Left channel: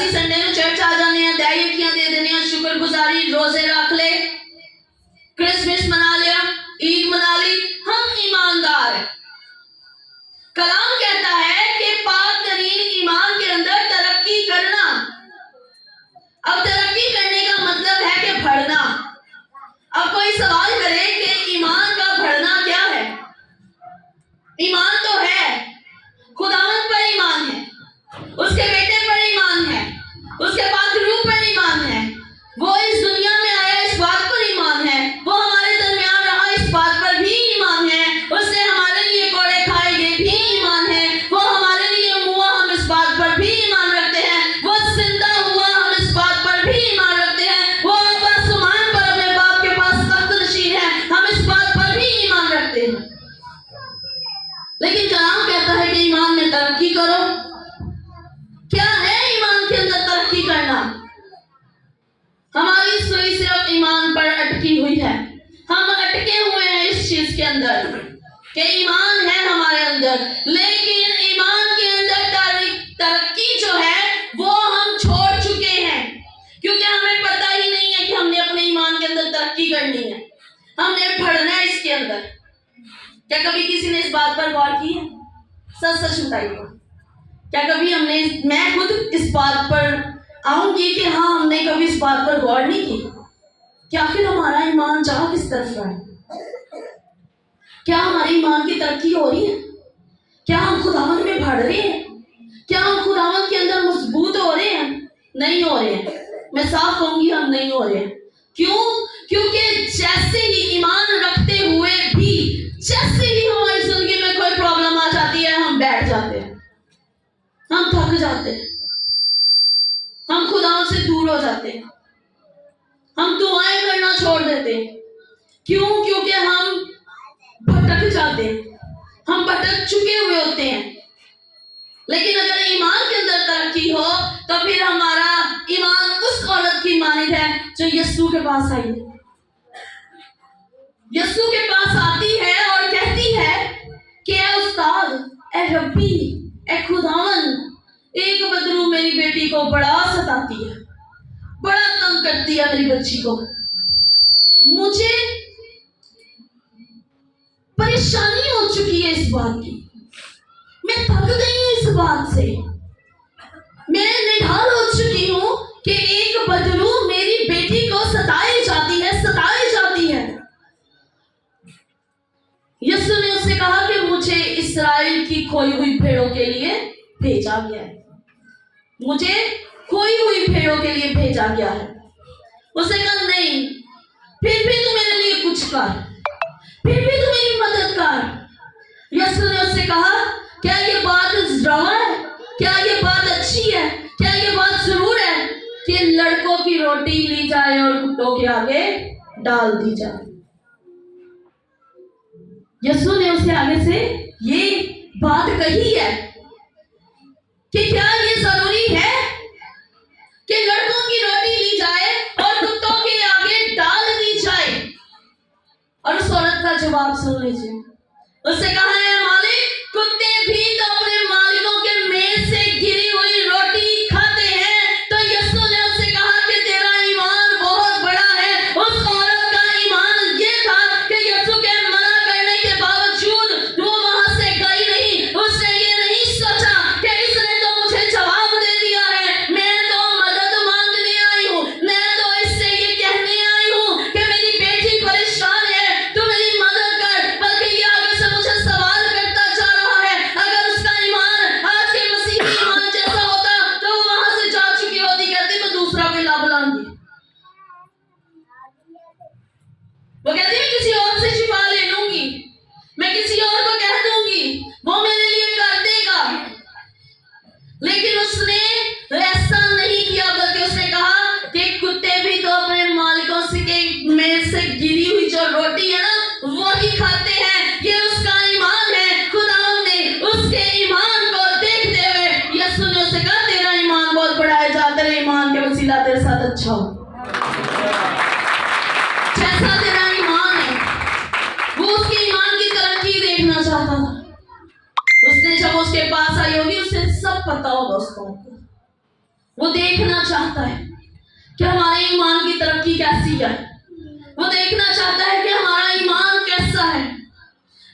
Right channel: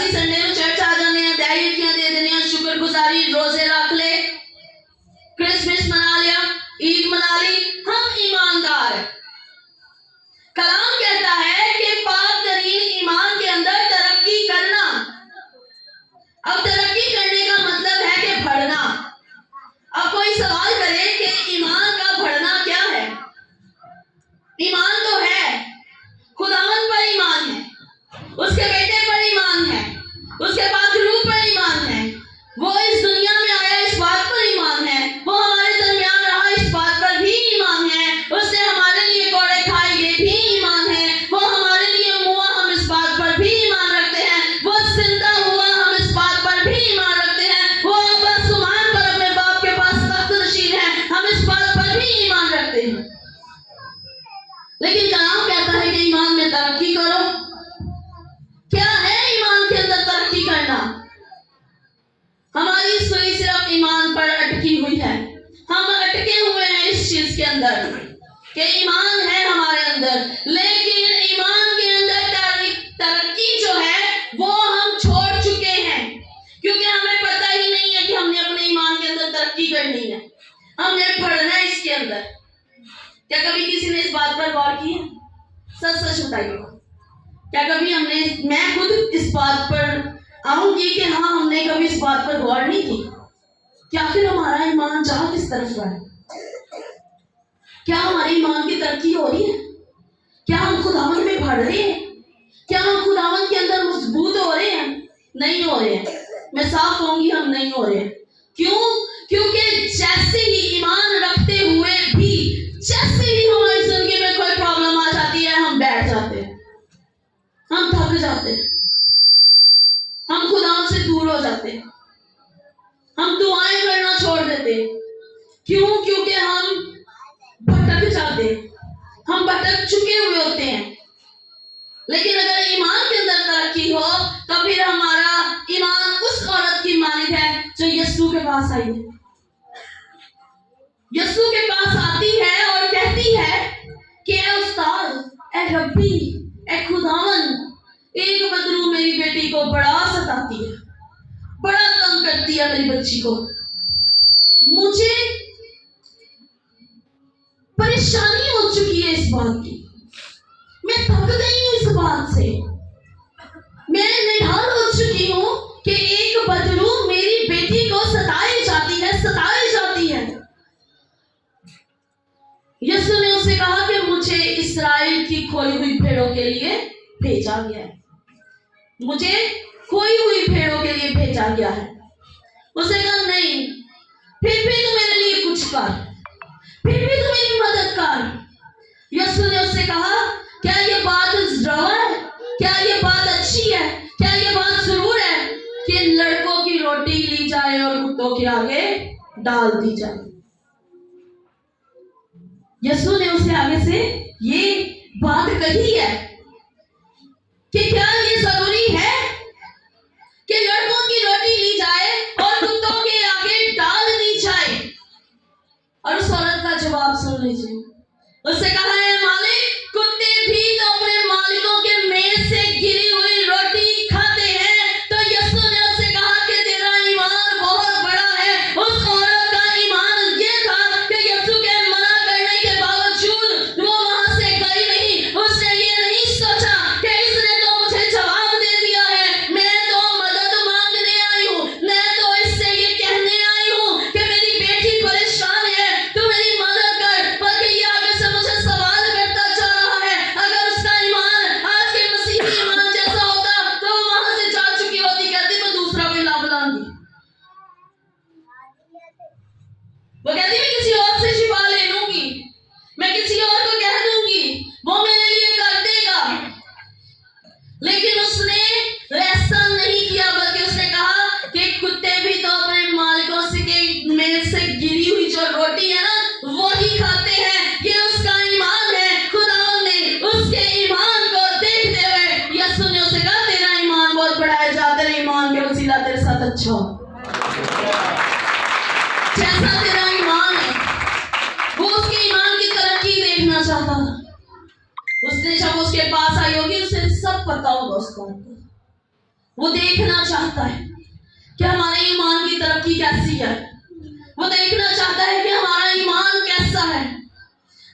اسی سنڈے نو چرچ آ جانے ہیں, دہیتیاں دے دینے ہیں, شکر گزاری روزے رکھ لے, کرسمس منا لیا, عید منا لی, ہم ایماندار ہیں. کلام کہتا ہے کہ پاک ترین ایمان کے اندر ترقی کرنا. اب ترقی کرنے کا مطلب ہے کہ بڑھنا. اب کوئی سوال کرے کہ ایمان کا بڑھنا کیا ہے؟ ایمان تو ہے, خداوند پر ایمان ہے, اس کے بیٹے پر ایمان ہے, اس کے پاک روح پر ایمان ہے, وہ اس دنیا میں آیا اس بات پر ایمان ہے, وہ ہمارے درمیان رہا اس بات پر بھی ایمان ہے, اس نے ہمارے لیے کوڑے کھائے یہ بھی ایمان ہے, وہ ہمارے لیے ہوا ہم اس بات پر بھی ایمان رکھتے ہیں, وہ زندہ ہوا ہم اس بات پر بھی ایمان رکھتے ہیں, وہ آسمان پر اپنے باپ کے پاس تخت نشین ہے, ہم اس بات پر بھی ایمان رکھتے ہیں. لیکن کلام کہتا ہے کہ ایمان میں ترقی کرو. کیا ہے ایمان کے اندر ترقی کرنا؟ ہماری سوئی صرف ایمان پر اٹکی ہوئی ہے. ہم اٹکے ہوئے ہیں اس چیز کے اندر کہ ایمان ہے ہمارے اندر, لیکن ایمان کے اندر ترقی جو ہے وہ ہم چھوڑ چکے ہیں, کیونکہ ہمیں پتہ ہی نہیں ہے کہ ہم نے اپنے ایمان کے اندر ترقی کرنی ہے, ہم نے بڑھنا ہے اس کے اندر. کیا کبھی کسی نے اس بات پر غور کی ہے؟ سچ سچ بتائیے. کیا کبھی ہم نے, میں خود اس بات پر آؤں گی کہ ہاں ہم نے کبھی اس بات پر غور نہیں کی کہ آخر ہمارا ایمان جہاں کس طرف رہا ہے؟ کیا ہماری ایمان کی ترقی ہو رہی ہے؟ کیا ہم خداوند میں بڑھ رہے ہیں؟ کیا ہم خداوند کے اندر مضبوط ہو رہے ہیں؟ نہیں ہو رہے ہیں. میں صاف کہوں گی ہم نہیں ہو رہے ہیں. کیوں؟ کیونکہ جیسے ہی ایمان رکھتے ہوئے بھی جیسے ہی ہماری زندگی میں کوئی پرابلم آ جاتی ہے ہم بیٹھ جاتے ہیں, ہم تھک جاتے ہیں, ہم خدا سے دور ہو جاتے ہیں, ہم دعائیں کرنا چھوڑ دیتے ہیں. کیوں؟ کیونکہ ہم بھٹک جاتے ہیں, ہم بھٹک چکے ہوئے ہوتے ہیں. لیکن اگر ایمان کے اندر ترقی ہو تو پھر ہمارا ایمان اس عورت کی مانند ہے جو یسوع کے پاس آئی ہے. یسوع کے پاس آتی ہے اور کہتی ہے کہ اے استاد, اے ربی, اے خداوند, ایک بدرو میری بیٹی کو بڑا ستاتی ہے, بڑا تنگ کرتی ہے میری بچی کو, مجھے پریشانی ہو چکی ہے اس بات کی, میں تھک گئی ہوں اس بات سے, میں نڈھال ہو چکی ہوں کہ ایک بدرو میری بیٹی کو ستائی جاتی ہے. یسوع نے اس سے کہا کہ مجھے اسرائیل کی کھوئی ہوئی بھیڑوں کے لیے بھیجا گیا ہے, مجھے کھوئی ہوئی بھیڑوں کے لیے بھیجا گیا ہے. اس نے کہا نہیں, پھر بھی تو میرے لیے کچھ کر, پھر بھی تو میری مدد کر. یسوع نے اس سے کہا کیا یہ بات روا ہے, کیا یہ بات اچھی ہے, کیا یہ بات ضرور ہے کہ لڑکوں کی روٹی لی جائے اور کتوں کے آگے ڈال دی جائے؟ یسوع نے اسے آگے سے یہ بات کہی ہے کہ کیا یہ ضروری ہے کہ لڑکوں کی روٹی لی جائے اور کتوں کے آگے ڈال دی جائے؟ اور اس عورت کا جواب سن لیجیے. اس سے کہا ہے مالک, کتے بھی تو اپنے مالکوں کے میز سے گری ہوئی روٹی کھاتے ہیں. تو یسوع نے اس سے کہا کہ تیرا ایمان بہت بڑا ہے. اس عورت کا ایمان یہ تھا کہ یسوع کے منع کرنے کے باوجود وہ وہاں سے گئی نہیں. اس نے یہ نہیں سوچا کہ اس نے تو مجھے جواب دے دیا ہے, میں تو مدد مانگنے آئی ہوں, میں تو اس سے یہ کہنے آئی ہوں کہ میری بیٹی پریشان ہے, تو میری مدد کر. بلکہ یہ آگے سے مجھے سوال کرتا جا رہا ہے, اگر اس کا ایمان آج کے مسیحی ایمان جیسا ہوتا تو وہ وہاں سے جا چکی ہوتی, کہتی میں دوسرا کوئی لا بلائیں گی, وہ کہتی میں کسی اور سے شفا لے لوں گی, میں کسی اور کو کہہ دوں گی, وہ میرے لیے کر دے گا. لیکن اس نے ایسا نہیں کیا, بلکہ اس نے کہا کہ کتے بھی تو اپنے مالکوں سے کے میز سے گری ہوئی جو روٹی ہے نا وہی کھاتے ہیں. یہ اس کا ایمان ہے. خداوند نے اس کے ایمان کو دیکھتے ہوئے یسوع نے اسے کہا تیرا ایمان بہت بڑا ہے, جا تیرے ایمان کے وسیلہ تیرے ساتھ اچھا ہو. جیسا تیرا ایمان ہے, وہ اس کے ایمان کی ترقی دیکھنا چاہتا تھا. اس نے جب اس کے پاس آئی ہوگی, اسے سب پتا ہوگا اس کو, وہ دیکھنا چاہتا ہے کہ ہمارے ایمان کی ترقی کیسی ہے. وہ دیکھنا چاہتا ہے کہ ہمارا ایمان کیسا ہے.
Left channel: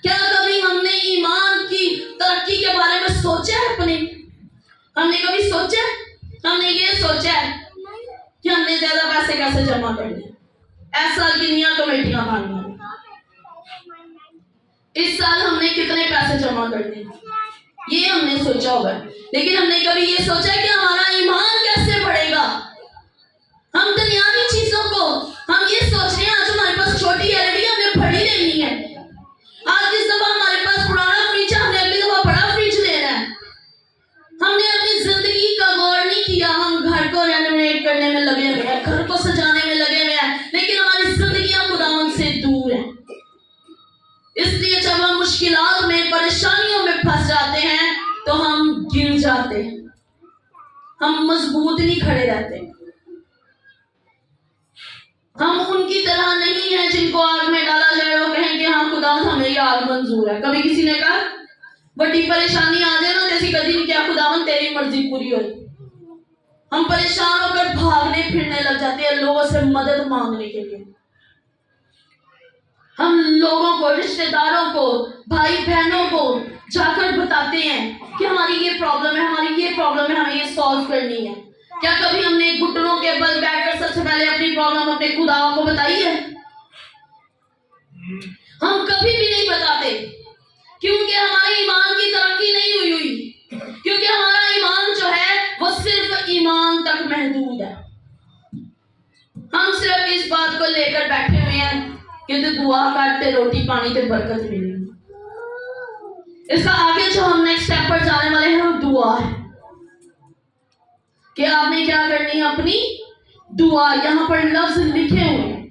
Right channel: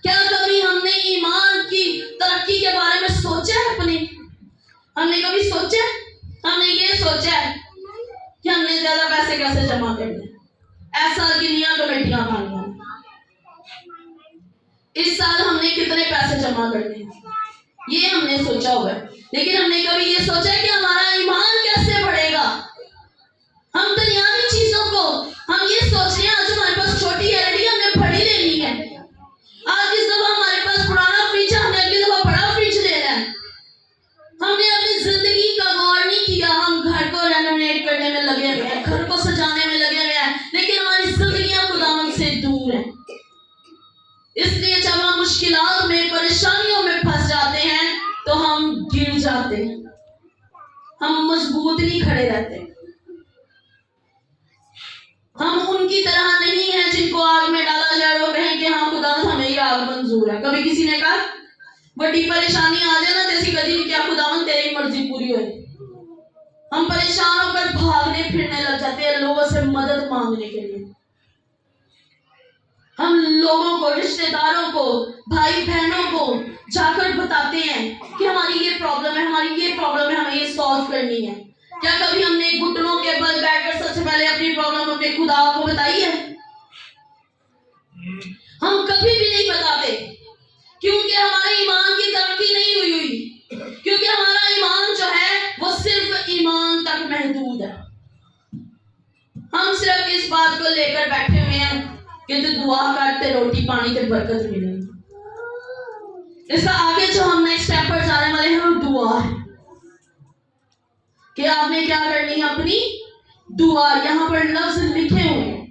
کیا کبھی ہم نے ایمان کی ترقی کے بارے میں سوچا ہے اپنے؟ ہم نے کبھی سوچا ہے؟ ہم نے یہ سوچا ہے کہ ہم نے زیادہ پیسے کیسے جمع کرنے، اس سال کتنی کمیٹیاں بھرنی ہیں، اس سال ہم نے کتنے پیسے جمع کرنے، یہ ہم نے سوچا ہوگا. لیکن ہم نے کبھی یہ سوچا ہے کہ ہمارا ایمان کیسے بڑھے گا. ہم دنیاوی چیزوں کو ہم یہ سوچ رہے ہیں آج ہمارے پاس چھوٹی ایل ای ڈی ہم نے بڑی لینی ہے، آج جس دفعہ ہمارے پاس پرانا فریج ہے ہم نے اگلی دفعہ بڑا فریج لینا ہے. ہم نے اپنی زندگی کا غور نہیں کیا. ہم گھر کو رینوویٹ کرنے میں لگے ہوئے ہیں، گھر کو سجانے میں لگے ہوئے ہیں، لیکن ہماری زندگیاں خداوند سے دور ہیں. اس لیے جب ہم مشکلات میں، پریشانیوں میں پھنس جاتے ہیں تو ہم گر جاتے ہیں، ہم مضبوط نہیں کھڑے رہتے. ہم ان کی طرح نہیں ہیں جن کو آگ میں ڈالا جائے وہ کہیں کہ ہاں خداوند ہمیں یہ آگ منظور ہے. کبھی کسی نے کہا بڑی پریشانی آ جائے نا جیسی کدی کیا خداوند تیری مرضی پوری ہوئی، ہم پریشان ہو کر بھاگنے پھرنے لگ جاتے ہیں لوگوں سے مدد مانگنے کے لیے. ہم لوگوں کو، رشتہ داروں کو، بھائی بہنوں کو جا کر بتاتے ہیں کہ ہماری یہ پرابلم ہے، ہماری یہ پرابلم ہے، ہمیں یہ سالو کرنی ہے. کیا کبھی ہم نے گھٹنوں کے بل بیٹھ کر سب سے پہلے اپنی پرابلم اپنے خدا کو بتائی ہے؟ ہم کبھی بھی نہیں بتاتے کیونکہ ہمارے ایمان کی ترقی نہیں ہوئی، کیونکہ ہمارا ایمان جو ہے وہ صرف ایمان تک محدود ہے. ہم صرف اس بات کو لے کر بیٹھے ہوئے ہیں کہ تو دعا کرتے روٹی پانی تے برکت ملے. اس کا آگے جو ہم نیکسٹ اسٹیپ پر جانے والے ہیں وہ دعا ہے کہ آپ نے کیا کرنی ہے، اپنی دعا. یہاں پر لفظ لکھے ہوئے ہیں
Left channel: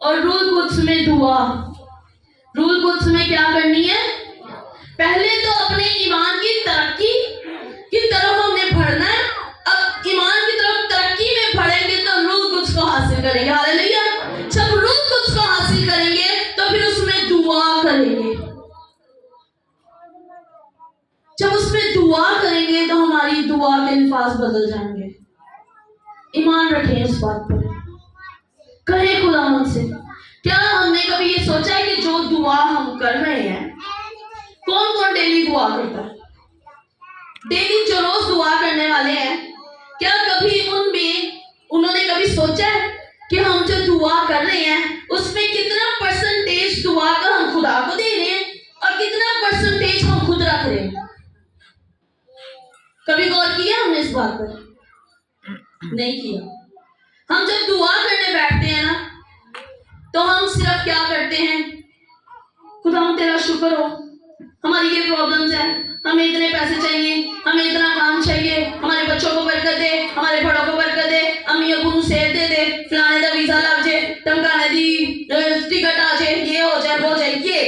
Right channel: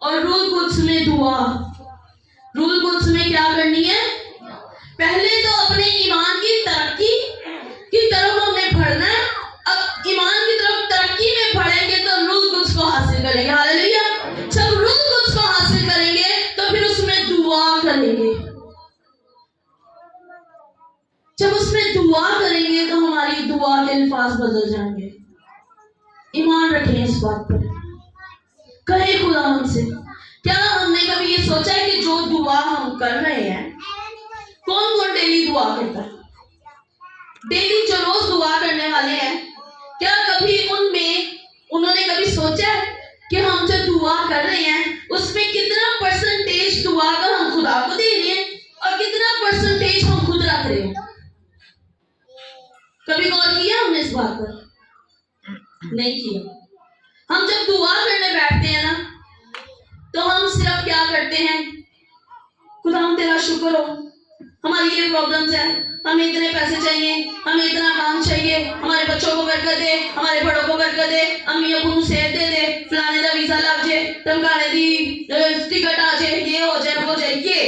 اور روح القدس میں دعا. روح القدس میں کیا کرنی ہے؟ پہلے تو اپنے ایمان کی ترقی کی طرف ہم نے بڑھنا ہے. اب ایمان کی طرف ترقی میں بڑھیں گے تو روح القدس کو حاصل کریں گے. ہاللیلویا. جب روح القدس کو حاصل کریں گے تو پھر اس میں دعا کریں گے. جب اس میں دعا کریں گے تو ہماری دعا کے الفاظ بدل جائیں گے. ایمان رکھیں اس بات پر. کہیں خداوند سے کیا ہم نے کبھی یہ سوچا ہے کہ جو دعا ہم کر رہے ہیں، کون کون ڈیلی دعا کرتا ہے؟ ڈیلی جو روز دعا کرنے والے ہیں، کیا کبھی انہوں نے کبھی سوچا ہے کہ ہم جو دعا کر رہے ہیں اس میں کتنا پرسنٹیج دعا کا ہم خدا کو دے رہے ہیں اور کتنا پرسنٹیج ہم خود رکھ رہے ہیں؟ کبھی غور کیا ہم نے اس بات پر؟ نہیں کیا. ہم جب دعا کرنے بیٹھتے ہیں نا تو ہم صرف کیا کرتے ہیں، خدا تیرا شکر ہو، ہماری یہ پرابلمز ہیں، ہمیں اتنے پیسے چاہیے، ہمیں اتنا کام چاہیے، ہمارے بچوں کو برکت دے، ہمارے بڑوں کو برکت دے، امی ابو کو صحت دے دے، فلانے دا ویزا لگ جائے، ٹمکانے دی ٹکٹ آ جائے، یہ ہو جائے وہ ہو جائے. یہ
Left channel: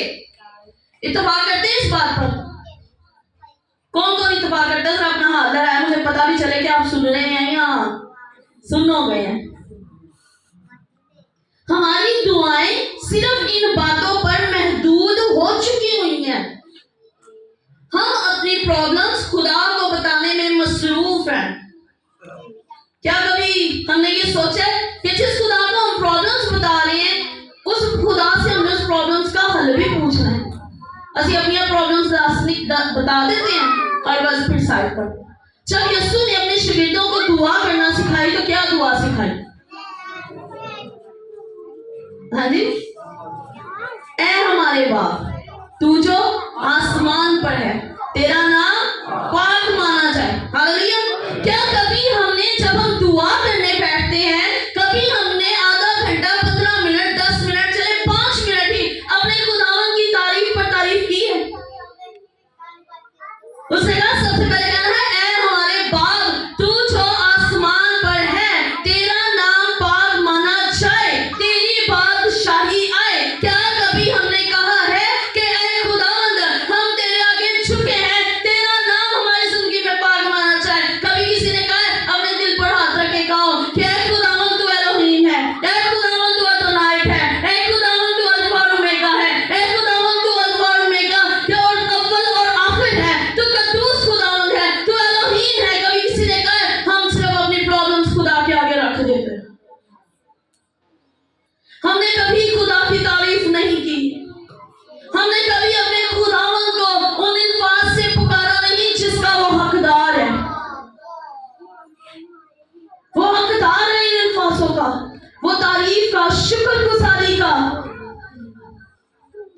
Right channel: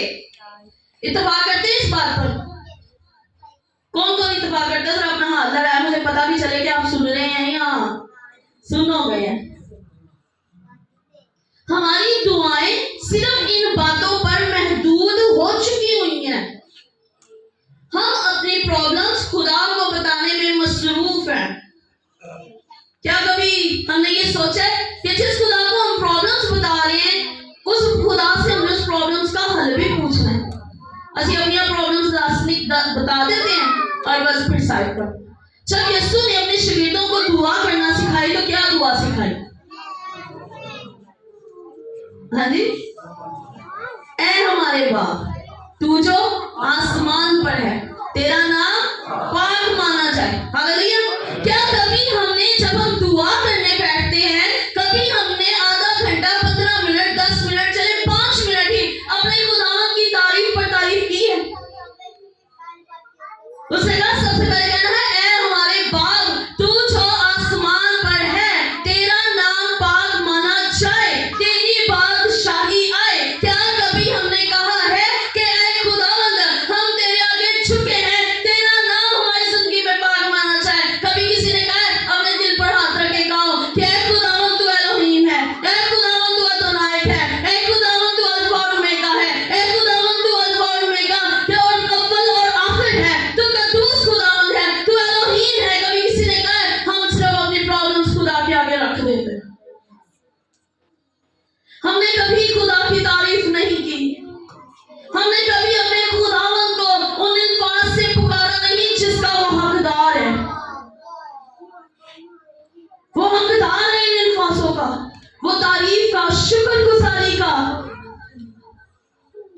اتفاق کرتے ہیں اس بات پر؟ کون کون اتفاق کرتا ہے؟ ذرا اپنا ہاتھ لڑائے، مجھے پتا بھی چلے کہ آپ سن رہے ہیں یا سن ہو گئے ہیں. ہماری دعائیں صرف ان باتوں پر محدود ہو چکی ہوئی ہیں. ہم اپنی پرابلمز خدا کو بتانے میں مصروف ہیں. کیا کبھی ہم نے یہ سوچا ہے کہ جس خدا کو ہم پرابلمز بتا رہے ہیں اس خدا سے ہم نے اس پرابلمز کا حل بھی پوچھنا ہے؟ اسی اپنی پرابلمز بتا دیتے ہیں اور بس پھر سائڈ پر. جب یسوع نے اپنے شاگردوں کو دعا کرنا سکھائی تو کیا دعا سکھائی؟ ہاں جی، اے ہمارے باپ تو جو آسمان پر ہے، تیرا نام پاک مانا جائے. ہاللیلویا. کیا کبھی ہم نے جب ہم دعا کرنے بیٹھتے ہیں کبھی ہم نے آدھا گھنٹہ 15 منٹ 10 منٹ چلے 5 منٹ ہی اپنے خداوند کی تعریف پر تعریف کی ہے؟ اس نے کہا سب سے پہلے کہنا ہے اے ہمارے باپ تو جو آسمان پر ہے، تیرا نام پاک مانا جائے، تیری بادشاہی آئے. کیا کبھی ہم نے کہا ہے کہ اے خداوند ہم تیرے آگے جھکے ہیں، تیرا نام ہماری زندگی میں پاک مانا جائے؟ کبھی کسی نے کہا ہے اپنے دل پر ہاتھ رکھ وہ حقدار ہے ان الفاظوں کا، وہ تعریف کا، شکر گزاری کا۔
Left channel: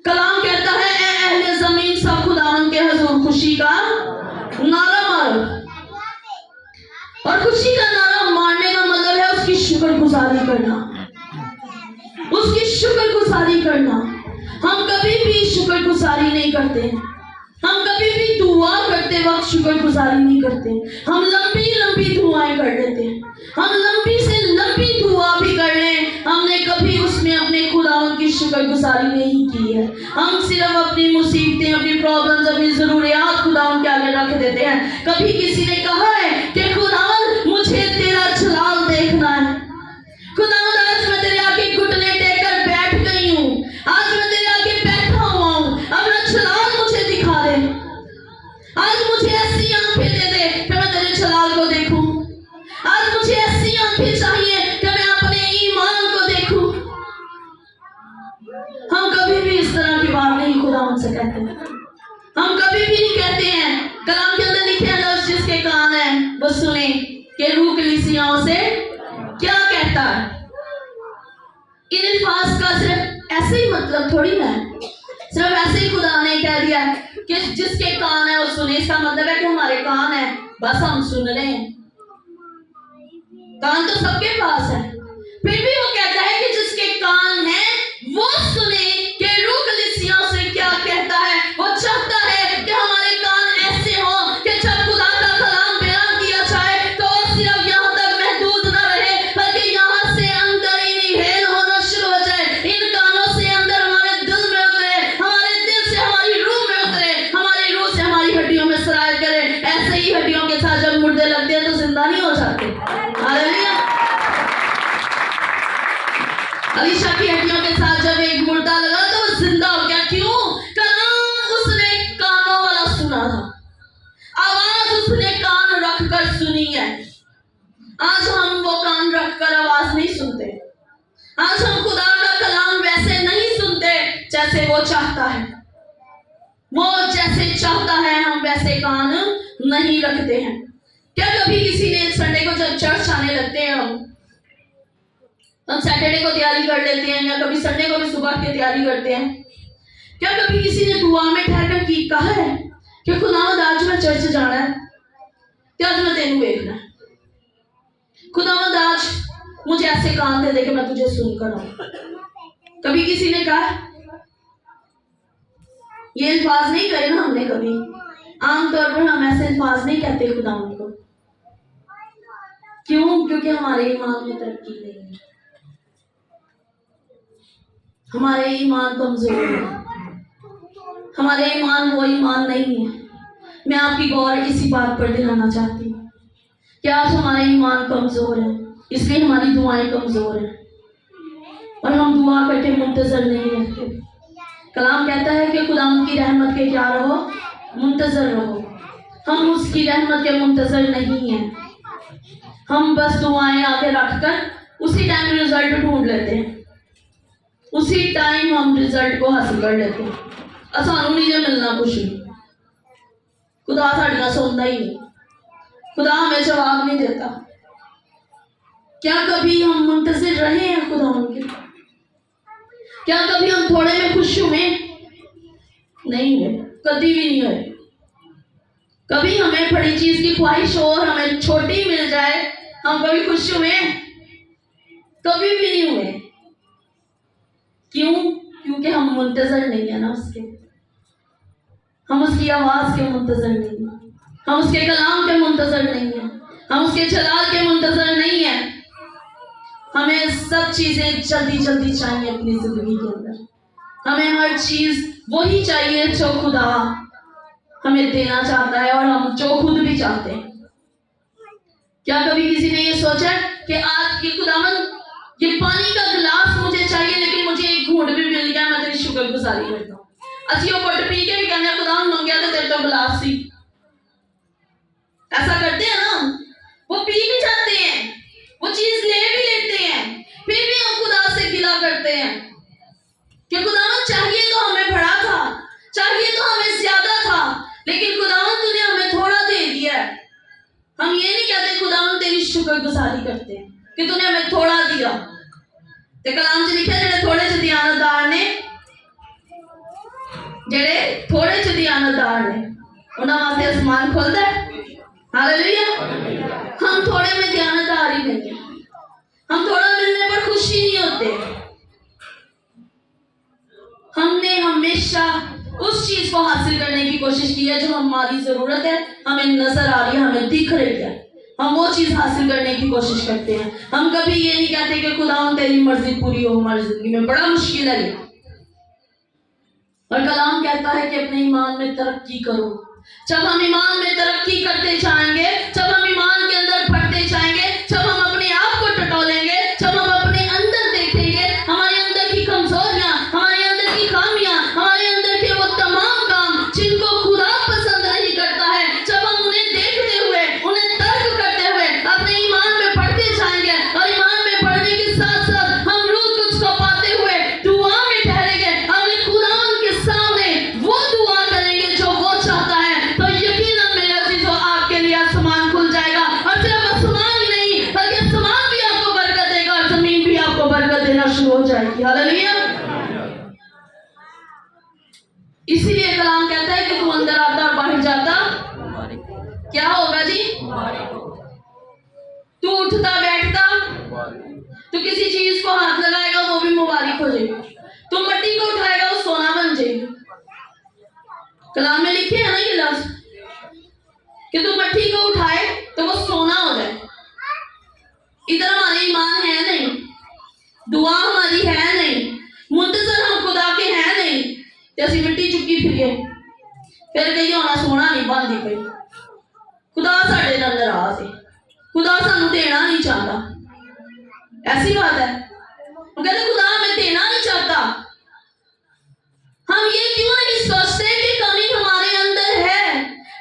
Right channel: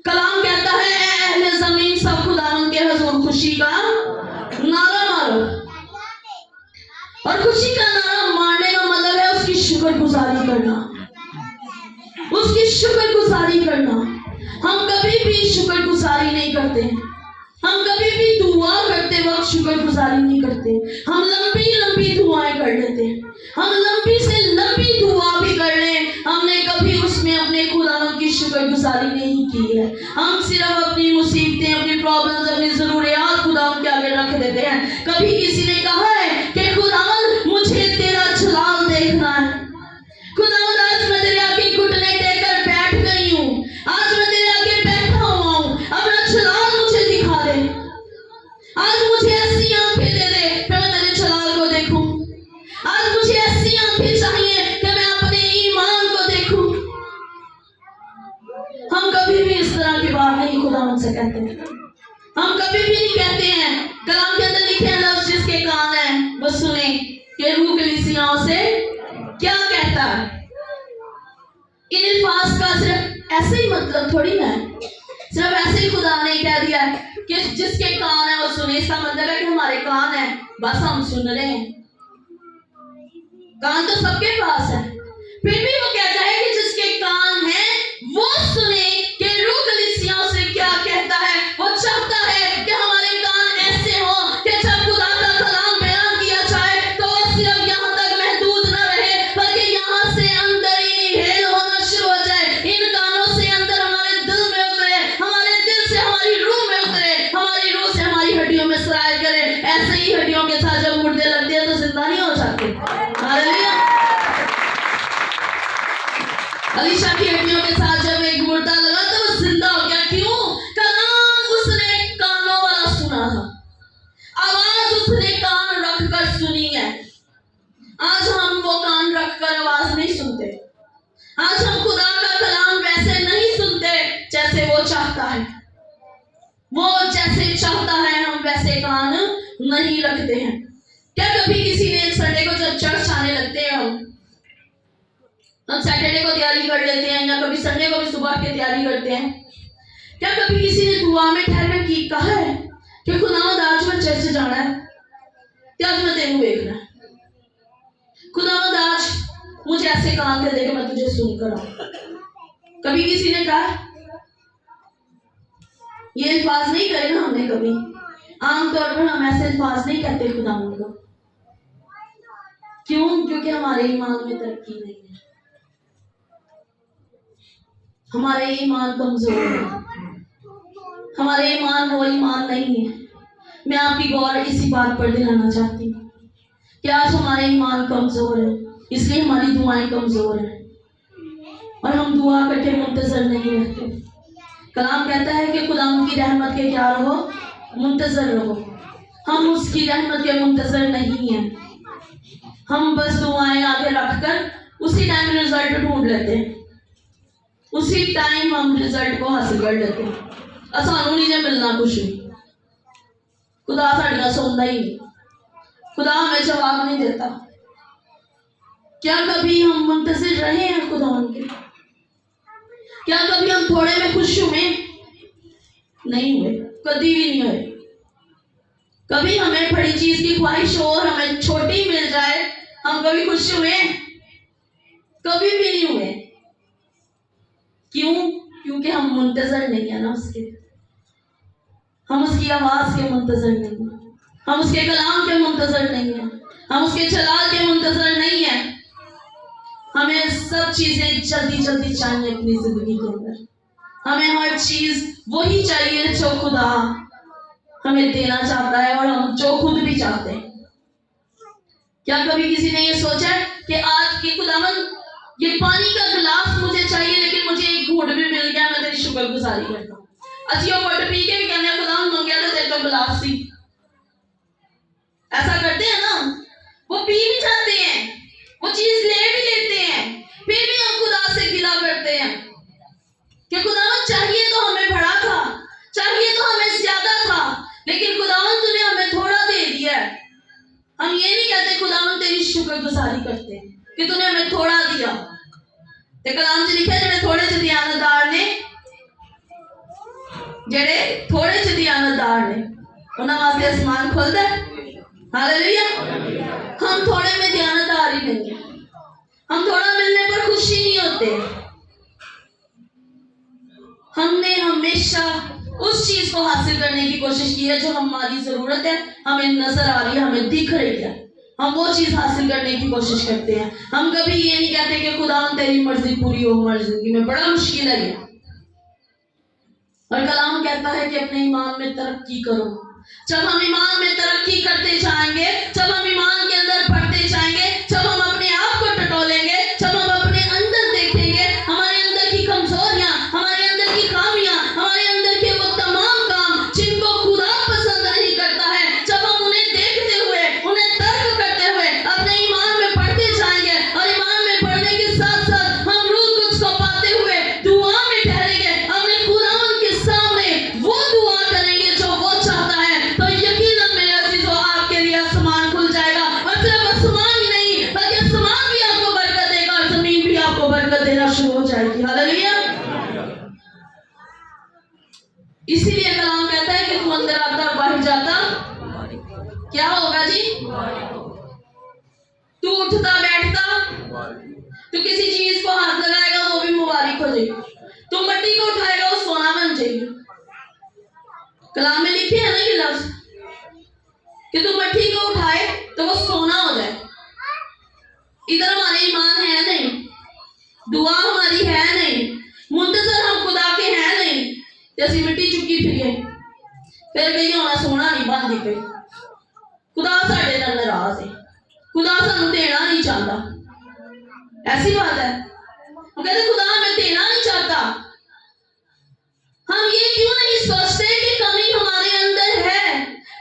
کلام کہتا ہے اے اہل زمین سب خداوند کے حضور خوشی کا نعرہ مارو، اور خوشی کا نعرہ مارنے کا مطلب ہے اس کی شکر گزاری کرنا، اس کی شکر گزاری کرنا۔ ہم کبھی بھی شکر گزاری نہیں کرتے، ہم کبھی بھی دعا کرتے وقت شکر گزاری نہیں کرتے، ہم لمبی لمبی دعائیں کر لیتے، ہم لمبی سے لمبی دعا بھی کر لیں، ہم نے کبھی اس میں اپنے خداوند کی شکر گزاری نہیں کی ہے۔ ہم صرف اپنی مصیبتیں، اپنی پرابلمز، اپنی ضروریات خداوند کے آگے رکھ دیتے ہیں۔ کبھی کسی نے کہا ہے کہ خداوند مجھے تیرا جلال دیکھنا ہے، خداوند آج میں تیرے آگے گھٹنے ٹیک کر بیٹھ گئی ہوں، آج میں تیرے آگے بیٹھا ہوا ہوں، اپنا جلال مجھے دکھا دے، آج مجھے ایسی آنکھیں دے دے کہ میں تیرے جلال کو دیکھوں، آج مجھے ایسی آنکھیں چاہیے کہ میں اپنے ایمان کو دیکھوں۔ ہم کبھی بھی اس طرح کی بات نہیں خداوند سے کہتے، ہم کبھی بھی نہیں کہتے ہیں۔ کلام کے اندر لکھے ہیں لفظ جس کے کان ہیں وہ سنیں کہ روح کلیسیاؤں سے کیا کہتا ہے۔ ان الفاظ کا صرف ایسے ہی مطلب تھوڑی ہے، صرف ایسے ہی خدا نے کہہ دیا ہے کہ جس کے کان ہیں وہ سنیں۔ اس کا مطلب ہے کہ ہمارے کان ہیں بس ہم سن رہے ہیں، کان تو سب کے پاس ہے، پھر بھی وہ کہتا ہے کہ جس کے کان ہیں وہ سنیں کہ روح کلیسیاؤں سے کیا کہتا ہے۔ وہ چاہتا ہے کہ ہمارے کان ایسے ہوں کہ جب خدا کا کلام بیان کیا جائے تو وہ صرف یہاں تک محدود نہ رہے بلکہ یہاں سے اندر انہیل ہونا شروع ہو جائے، ان کانوں سے اندر ہمارے دل میں اترے، ہمارے دل سے ہماری روح میں اترے، ہماری روح سے ہماری ہڈیوں میں سرایت کرے۔ ایسے ہی ہڈیوں کے ساتھ جب مردے لگتے ہیں تو زندہ نہیں ہو جاتے۔ ہاللیلویا۔ علیشا کی ہڈیوں کے ساتھ جب ایک مردہ لگا تو وہ زندہ ہو گیا، کیوں؟ کلام اس نے کانوں والا سنا تھا، آواز اس نے کان رکھ کر سنی ہے۔ آج ہم وہ کان رکھ کر آواز نہیں سنتے، آج ہم خدا کا کلام ویسے نہیں سنتے جیسے وہ چاہتا ہے، وہ جیسے چاہتا ہے ہم ویسے کان نہیں رکھتے ہیں۔ کیا کبھی کسی نے سنڈے کو جب چرچ آنے لگتے ہیں ہم سیٹرڈے کو تیاری کر لیتے ہیں یا کبھی سنڈے کو بھی صبح کے تیاری کرتے ہیں، کیا کبھی کسی نے دعا میں ٹھہر کر کی کہا ہے کہ خداوند آج میں چرچ جانا ہے کہ آج میں تینوں دیکھنا ہے، خداوند آج مجھے ایسے کان دے دے کہ میں تجھے سن کر آؤں؟ کبھی کسی نے کہا؟ یہ الفاظ نہیں کہے نا ہم نے کبھی، عام طور پر ہم ایسے الفاظ نہیں کہتے خداوند کو، کیوں؟ کیونکہ ہمارے ایمان میں ترقی نہیں ہے، ہمارے ایمان کمزور ہے، ہمارے ایمان وہ ایمان نہیں ہے۔ میں آپ کی غور اسی بات پر دلانا چاہتی ہوں کہ آج ہمارے ایمان کمزور ہے، اس لیے ہماری دعائیں کمزور ہیں اور ہم دعا کر کے منتظر نہیں رہتے۔ کلام کہتا ہے کہ خداوند کی رحمت کے کیا رہو؟ منتظر رہو۔ ہم اس کی رحمت کے منتظر نہیں ہیں، ہم بس دعائیں آگے رکھ کر اسی ٹائم رزلٹ ڈھونڈ لیتے ہیں، اسی ٹائم ہم رزلٹ کو حاصل کر لیتے ہیں۔ سانوں نہیں جے ملنا کچھ بھی، خدا ساڑیاں سنتا ہی نہیں، خدا ہمیں جواب نہیں دیتا۔ کیا کبھی ہم منتظر رہے ہیں خدا ان کے؟ کیا کبھی ہم تھوڑے میں خوش ہوئے؟ نہیں ہوئے، کبھی بھی نہیں ہوئے۔ کبھی ہمیں بڑی چیز کی خواہش ہو اور ہمیں چھوٹی مل جائے، ہم کبھی خوش ہوئے؟ کبھی بھی نہیں ہوئے۔ کیوں؟ کیونکہ ہم منتظر نہیں ہیں نا اس کے، ہم اس کی آواز کے منتظر نہیں ہیں، ہم اس کے کلام کے منتظر نہیں ہیں، ہم اس کے جلال کے منتظر نہیں ہیں۔ ہمیں سب چیزیں جلدی جلدی چاہیے اپنی زندگی کے اندر، ہمیں ہر چیز وہی چاہیے جو خدا ہمیں دینا چاہتا ہے اور ہم جو خود بھی چاہتے ہیں۔ کیا کبھی کسی نے یہ سوچا کہ آج کی خداوند یہ پانی کا گلاس مجھے چاہیے لیکن مجھے ایک گھونٹ بھی مل گیا، میں تیری شکر گزاری کرتا ہوں۔ اچھی وہ گھٹ پی کے بھی کہنے خداوند منگیا تو تیرے تو گلاس سی۔ ایسا کرتے ہیں نا، وہ پی بھی جاتے ہیں، وہ چیز لے بھی لیتے ہیں، پھر بھی ہم خدا سے گلہ کرتے ہیں کہ خداوند چاہیے تو ہمیں بڑا تھا، چاہیے تو ہمیں زیادہ تھا، لیکن خداوند تو نے ہمیں تھوڑا دے دیا ہے۔ ہم یہ نہیں کہتے خداوند تیری شکر شکر گزاری کرتے ہیں کہ تو نے ہمیں تھوڑا دیا. تے کلام چ لکھا جڑے تھوڑے چ دیانتدار نے انہاں واسطے آسمان کھلدا ہے. ہاللویا. ہم تھوڑے میں دیانتدار ہی نہیں ہیں. ہم تھوڑا ملنے پر خوشی نہیں ہوتے. ہم نے ہمیشہ اس چیز کو حاصل کرنے کی کوشش کی ہے جو ہماری ضرورت ہے, ہمیں نظر آ رہی ہے, ہمیں دکھ رہی ہے. ہم وہ چیز حاصل کرنے کی کوشش کرتے ہیں. ہم کبھی یہ نہیں کہتے کہ خدا تیری مرضی پوری ہو ہماری زندگی میں. بڑا مشکل ہے یہ. اور کلام کہتا ہے کہ اپنے ایمان میں ترقی کرو. جب ہم ایمان میں ترقی کرتے جائیں گے, جب ہم ایمان کے اندر بڑھتے جائیں گے, جب ہم اپنے آپ کو ٹٹولیں گے, جب ہم اپنے اندر دیکھیں گے ہمارے اندر کی کمزوریاں, ہمارے اندر کی خامیاں, ہمارے اندر کے وہ تمام کام جن کو خدا پسند نہیں کرتا ہے, جب ہم انہیں دیکھتے ہوئے, انہیں ترک کرتے ہوئے اپنے ایمان میں بڑھتے جائیں گے, اور ایمان میں بڑھنے کے ساتھ ساتھ ہم روح القدس کو پاتے ہوئے دعا میں ٹھہریں گے, اپنے قرآن کے سامنے وہ دعا کریں گے جو وہ چاہتا ہے, تو یقیناً میرے عزیزو آپ کے لیے آسمان کھل جائے گا. اور صرف آسمان ہی نہیں بلکہ آسمان بھی آپ کو برکت دے گا اور زمین بھی آپ کو برکت دینا شروع ہو جائے گی. ہاللویا. اسی لیے کلام کہتا ہے کہ تو اندر آتا اور باہر جاتا کیا ہوگا جی؟ تو اٹھتا بیٹھتا, تو کسی چیز کو ہاتھ لگائے گا وہ بھی مبارک ہو جائے گی. تو مٹی کو اٹھائے گا وہ سونا بن جائے گی. کلام میں لکھے ہیں نا یہ لفظ کہ تو مٹی کو اٹھائے تو وہ سونا ہو جائے. ادھر ہمارے ایمان ہے نہیں, دعا ہماری ہے نہیں, منتظر ہم خدا کے ہیں نہیں, جیسی مٹی چکی پھر کہیں ہونا سونا نہیں بن دی پئی. خدا ساڈے نال ناراض ہے, خدا سانو دینا نہیں چاہتا. ایسی بات ہے. وہ کہتے خدا ہمیں دینا نہیں چاہتا. ہم یہ کیوں نہیں سوچتے کہ کمی ہمارے اندر ہے,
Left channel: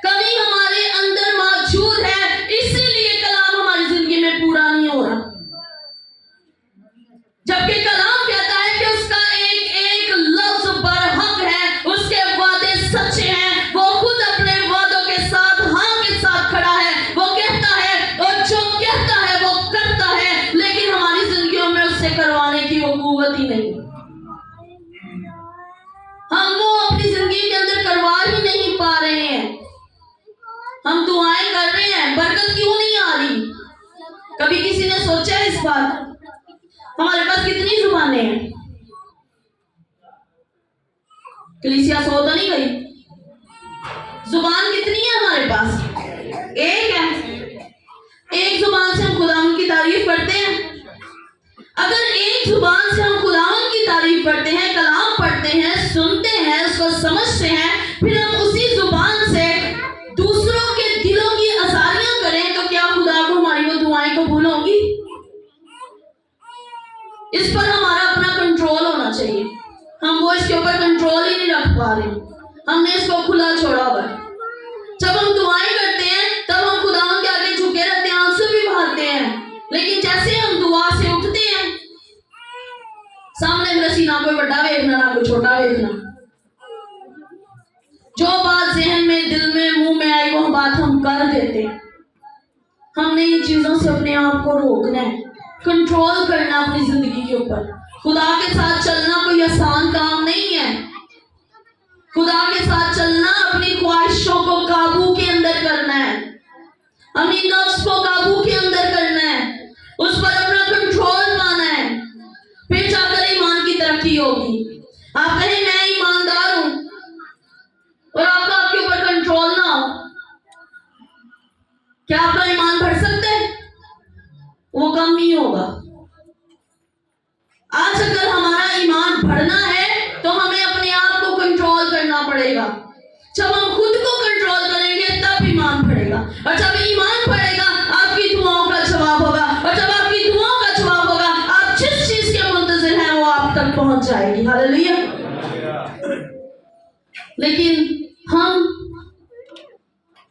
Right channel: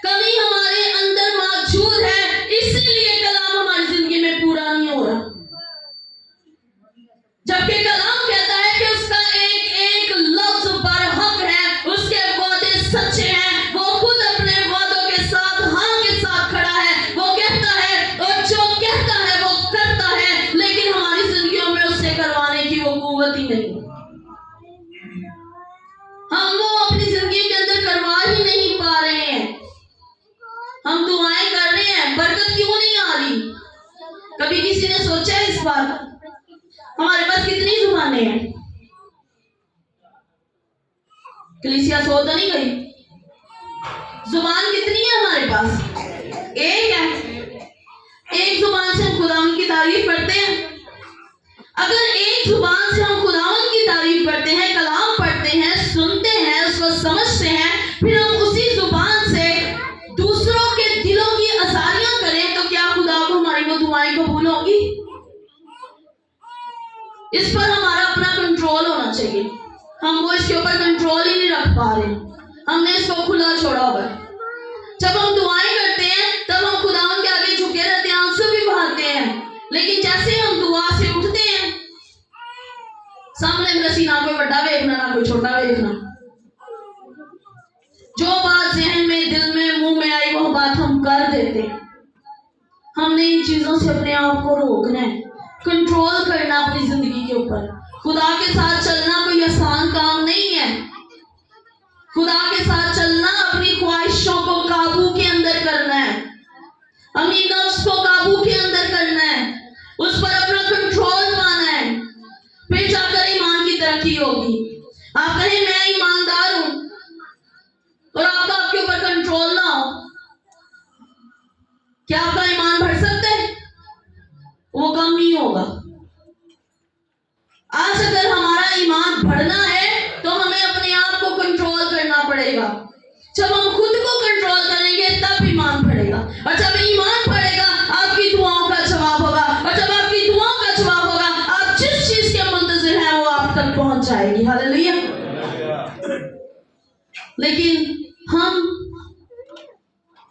کمی ہمارے اندر موجود ہے, اسی لیے کلام ہماری زندگی میں پورا نہیں ہو رہا. جبکہ کلام کہتا ہے کہ اس کا ایک ایک لفظ برحق ہے, اس کے وعدے سچے ہیں, وہ خود اپنے وعدوں کے ساتھ ہاں کے ساتھ کھڑا ہے. وہ کہتا ہے اور جو کہتا ہے وہ کرتا ہے, لیکن ہماری زندگیوں میں اس سے کروانے کی وہ قوت ہی نہیں. ہم وہ اپنی زندگی کے اندر کروا ہی نہیں پا رہے ہیں. ہم دعائیں کر رہے ہیں, برکت کیوں نہیں آ رہی؟ کبھی کسی نے سوچا ہے اس بات؟ ہمارے پاس کتنی زبانیں ہیں؟ کلیسیا سو تو نہیں گئی. زبان کتنی ہے ہمارے پاس؟ ایک ہے. ایک زبان سے ہم خداوند کی تعریف کرتے ہیں. اگر ایک زبان سے ہم خداوند کی تعریف کرتے ہیں, کلام پڑھتے ہیں, سنتے ہیں, اس کو سمجھتے ہیں, پھر ہم اسی زبان سے دوسروں کے دلوں کی آزاریاں کریں, تو کیا خدا کو ہماری وہ دعائیں قبول ہوں گی؟ اس پر ہمارا اپنا کنٹرول ہونا چاہیے. ہم وہ اس کے اوپر کنٹرول ہی نہیں رکھ پا رہے. ہم نے اس کو کھلا چھوڑا ہوا. جب ہم دعائیں کرتے ہیں تب ہم خداوند کے آگے جھکے رہتے ہیں, ان سے بھی بھاگتے ہیں, لیکن جیسے ہم دعا سے اٹھتے ہیں سامنے پھر اسی نہ کوئی بڑا ویکھنا نہ کوئی چھوٹا ویکھنا. جو بات ذہن میں, دل میں, منہ میں آئی وہ بات ہم کر دیتے ہیں. ہم نے ان چیزوں سے اپنے آپ کو روکنا ہے, کنٹرول کرنا اپنی زندگی کے اوپر. خدا کے ساتھ چلنا کوئی آسان کام نہیں ہے. خدا کے ساتھ چلنا اپنی خواہشوں کو قابو کے اندر کرنا ہے, اپنی نفس کو قابو کے اندر کرنا ہے, اس پر اپنا کنٹرول پانا ہے. پھر جا کر ایمان کی ترقی ہوگی. آپ کہیں میں ایماندار ہوں اور آپ کا آپ کے اوپر کنٹرول نہ ہو, کیا آپ کا ایمان بڑھ سکتا ہے؟ وہ کم ہی ہوگا. آج اگر ہمارا ایمان بڑھنا ہے تو ہمیں اپنے آپ کو کنٹرول کرنا پڑے گا. جب ہم خود کو کنٹرول کریں گے تب ایمان بڑھے گا, اور جب ایمان بڑھے گا آپ کی دعاؤں کا جواب ہوگا, اور جب آپ کی دعاؤں کا جواب ہوگا آپ جس چیز کے منتظر ہیں وہ آپ تک پہنچ جائے گی. ہاللویا. لیکن ہم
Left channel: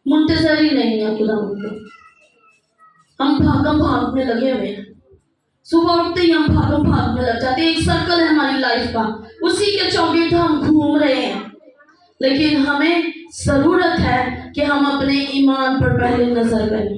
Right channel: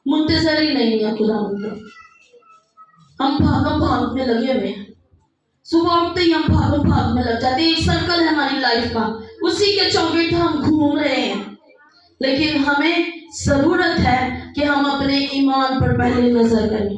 منتظر ہی نہیں ہیں خدا کے. ہم بھاگ میں لگے ہوئے ہیں. صبح اٹھتے ہی ہم بھاگ میں لگ جاتے ہیں. ایک سرکل ہے ہماری لائف کا, اسی کے چوگٹ ہم گھوم رہے ہیں. لیکن ہمیں ضرورت ہے کہ ہم اپنے ایمان پر پہلے نظر کریں.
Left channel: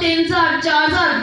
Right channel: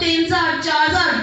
3000, 4000